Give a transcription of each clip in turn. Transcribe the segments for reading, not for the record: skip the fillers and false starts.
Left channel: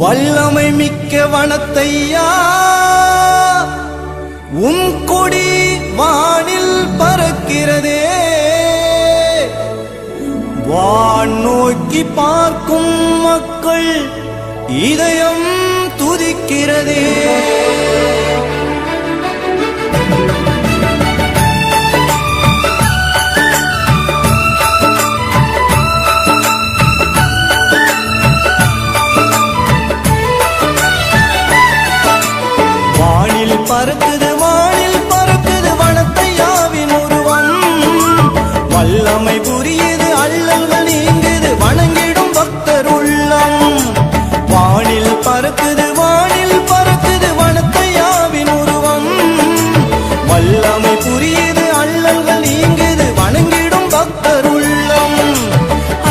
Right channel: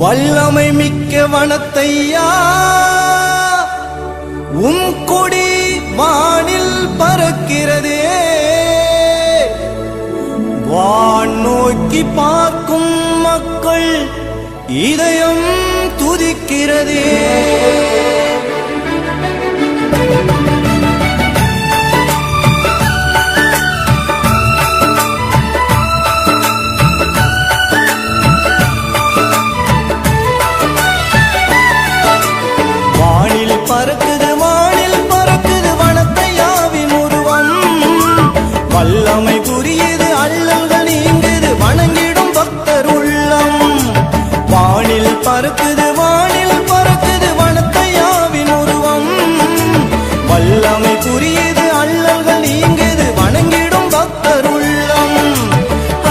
வல்லமை மிக்க வனத்தையா உன் கொடி வானில் பறக்கிறதே, வான் நோக்கி பார்க்கும் மக்கள் இதயம் துதிக்கிறதே. வானில் பறக்குது வானில் பறக்குது வனத்தையாவின் உருவம், வல்லமை புரியுது அல்லல்கள் நீங்குது வணங்கிடும் பக்தர் உள்ளம். வானில் பறக்குது வானில் பறக்குது வனத்தையாவின் உருவம், வல்லமை புரியுது அல்லல்கள் நீங்குது வணங்கிடும் பக்தர் உள்ளம்.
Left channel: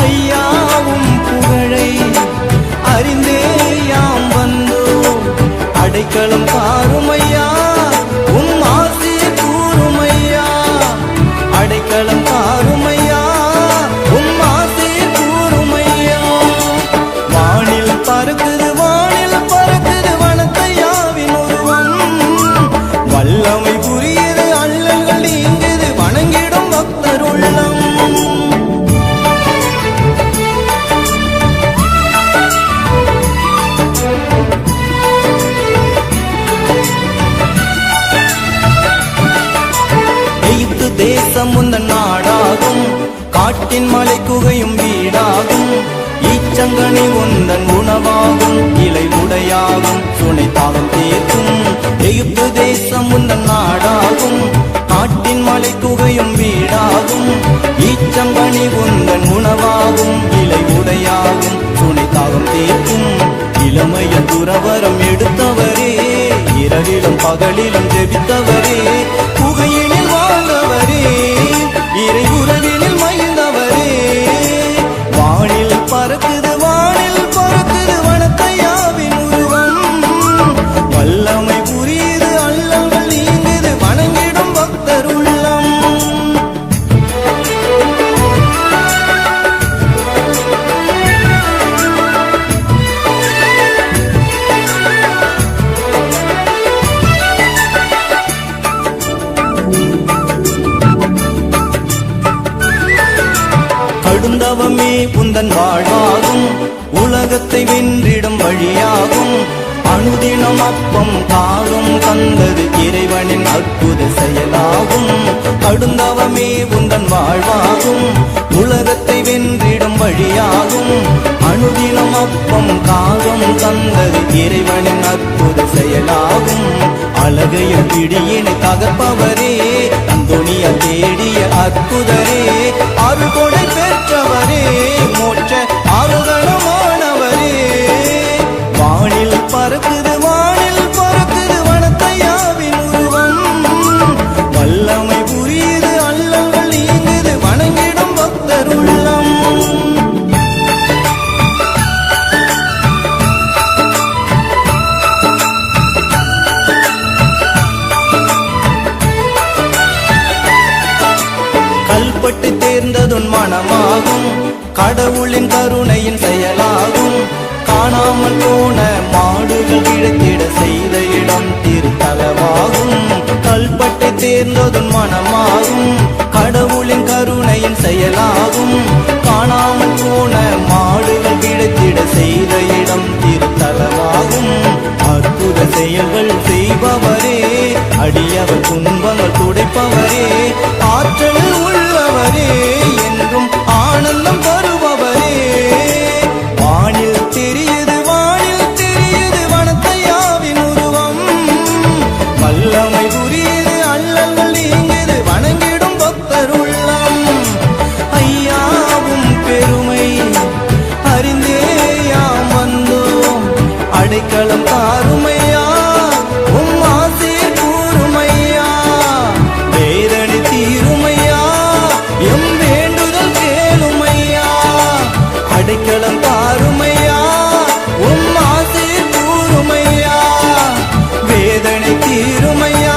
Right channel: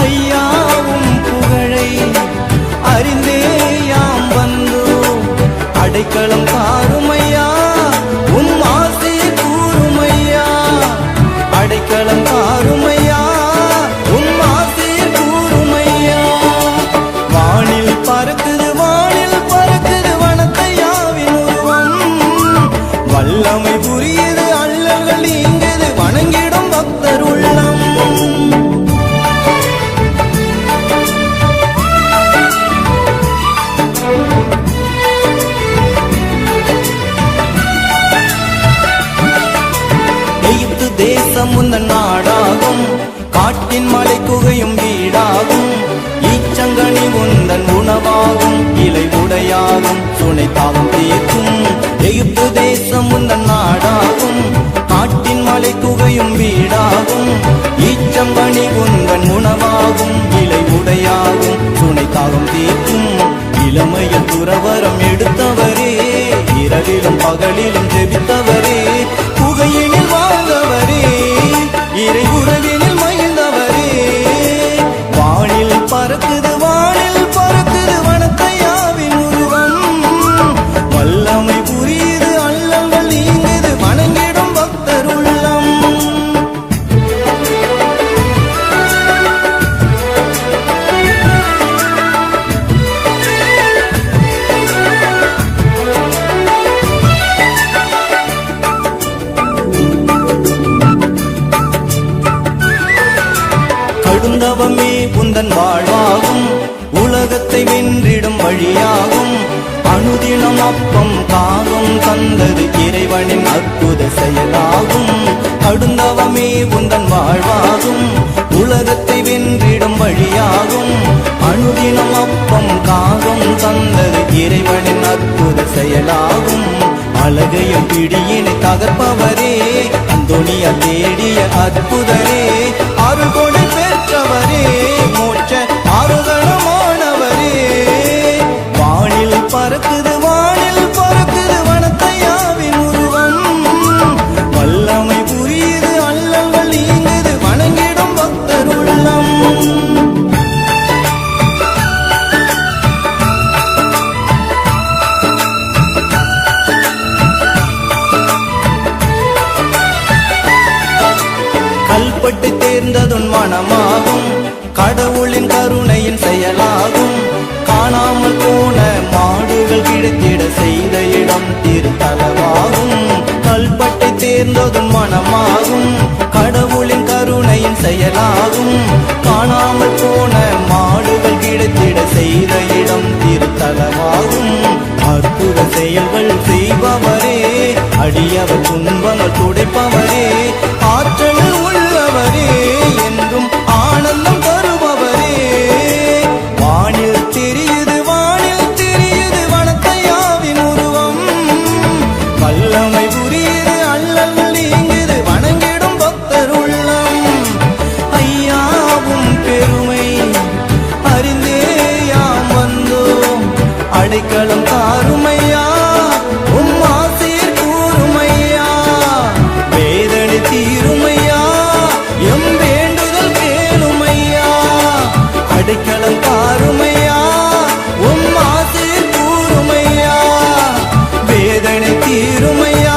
ஐயாவும் புகழை அறிந்தே யாம் வந்தோம், அடைக்கலம் தாருமையா உம் ஆசியை கூறுமையா, அடைக்கலம் தாருமையா உம் ஆசியை கூறுமையா. வானில் பறக்குது வானில் பறக்குது வனத்தையாவின் உருவம், வல்லமை புரியுது அல்லல்கள் நீங்குது வணங்கிடும் பக்தர் உள்ளம். எகிப்து தேசம் உந்தன் நாடாகும், காட்டின் மலை குகையும் வீடாகும், ஈச்சங்கனி உந்தன் உணவாகும், இலை உடையாகும், சுனை தாகம் தீர்க்கும். எகிப்து தேசம் உந்தன் நாடாகும், காட்டின் மலை குகையும் வீடாகும், ஈச்சங்கனி உந்தன் உணவாகும், இலை உடையாகும், சுனை தாகம் தீர்க்கும். இளமையில் துறவரம் எடுத்தவரே, இரவிலும் பகலிலும் ஜெபித்தவரே, புகையினில் வாழ்ந்தவரே, இறை உறவினில் மகிழ்ந்தவரே. வானில் பறக்குது வானில் பறக்குது வனத்தையாவின் உருவம், வல்லமை புரியுது அல்லல்கள் நீங்குது வணங்கிடும் பக்தர் உள்ளம். கடுந்தவமே உந்தன் வாழ்வாகும், உலகத்தை வென்றிடும் வழியாகும், அனுதினம் அப்பம் காகம் தந்தது இறைவனின் அற்புத செயலாகும். கடுந்தவமே உந்தன் வாழ்வாகும், உலகத்தை வென்றிடும் வழியாகும், அனுதினம் அப்பம் காகம் தந்தது இறைவனின் அற்புத செயலாகும். அழகையும் பிடியினை தகர்ப்பவரே, அந்தோனியா தேடிய அற்புதரே, அருள் கொடை பெற்றவரே, மோட்ச ஆரோகணமானவரே. வானில் பறக்குது வானில் பறக்குது வனத்தையாவின் உருவம், வல்லமை புரியுது அல்லல்கள் நீங்குது வணங்கிடும் பக்தர் உள்ளம். கல்பட்டு தேர்ந்ததுன் மனமாகும், கடவுளின் கருணையின் செயலாகும், காணாமல் போன மாடுகள் கிடைத்திட செய்த இடம் திருத்தலமாகும். கல்பட்டை தேர்ந்ததுன் மனமாகும், கடவுளின் கருணையின் செயலாகும், காணாமல் போன மாடுகள் கிடைத்திட செய்த இடம் திருத்தலமாகும். அற்புத செயல்கள் செய்பவரே, அடியவர் துன்பங்கள் துடைப்பவரே, ஆற்றல் உள்ளவரே, என்றும் ஆனந்தம் தருபவரே. வானில் தெரியுது வானில் தெரியுது வனத்தையாவின் உருவம், வல்லமை புரியுது அல்லல்கள் நீங்குது வணங்கிடும் பக்தர் உள்ளம். ஐயாவும் பெருமை அறிந்தே யாம் வந்தோம், அடைக்கலம் தாருமையா உம் ஆசீர் கூறுமையா, வேதனை தீருமையா எம் வேண்டுதல் கேளுமையா, அடைக்கலம் தாருமையா உம் ஆசீர் கூறுமையா, வேதனை தீருமையா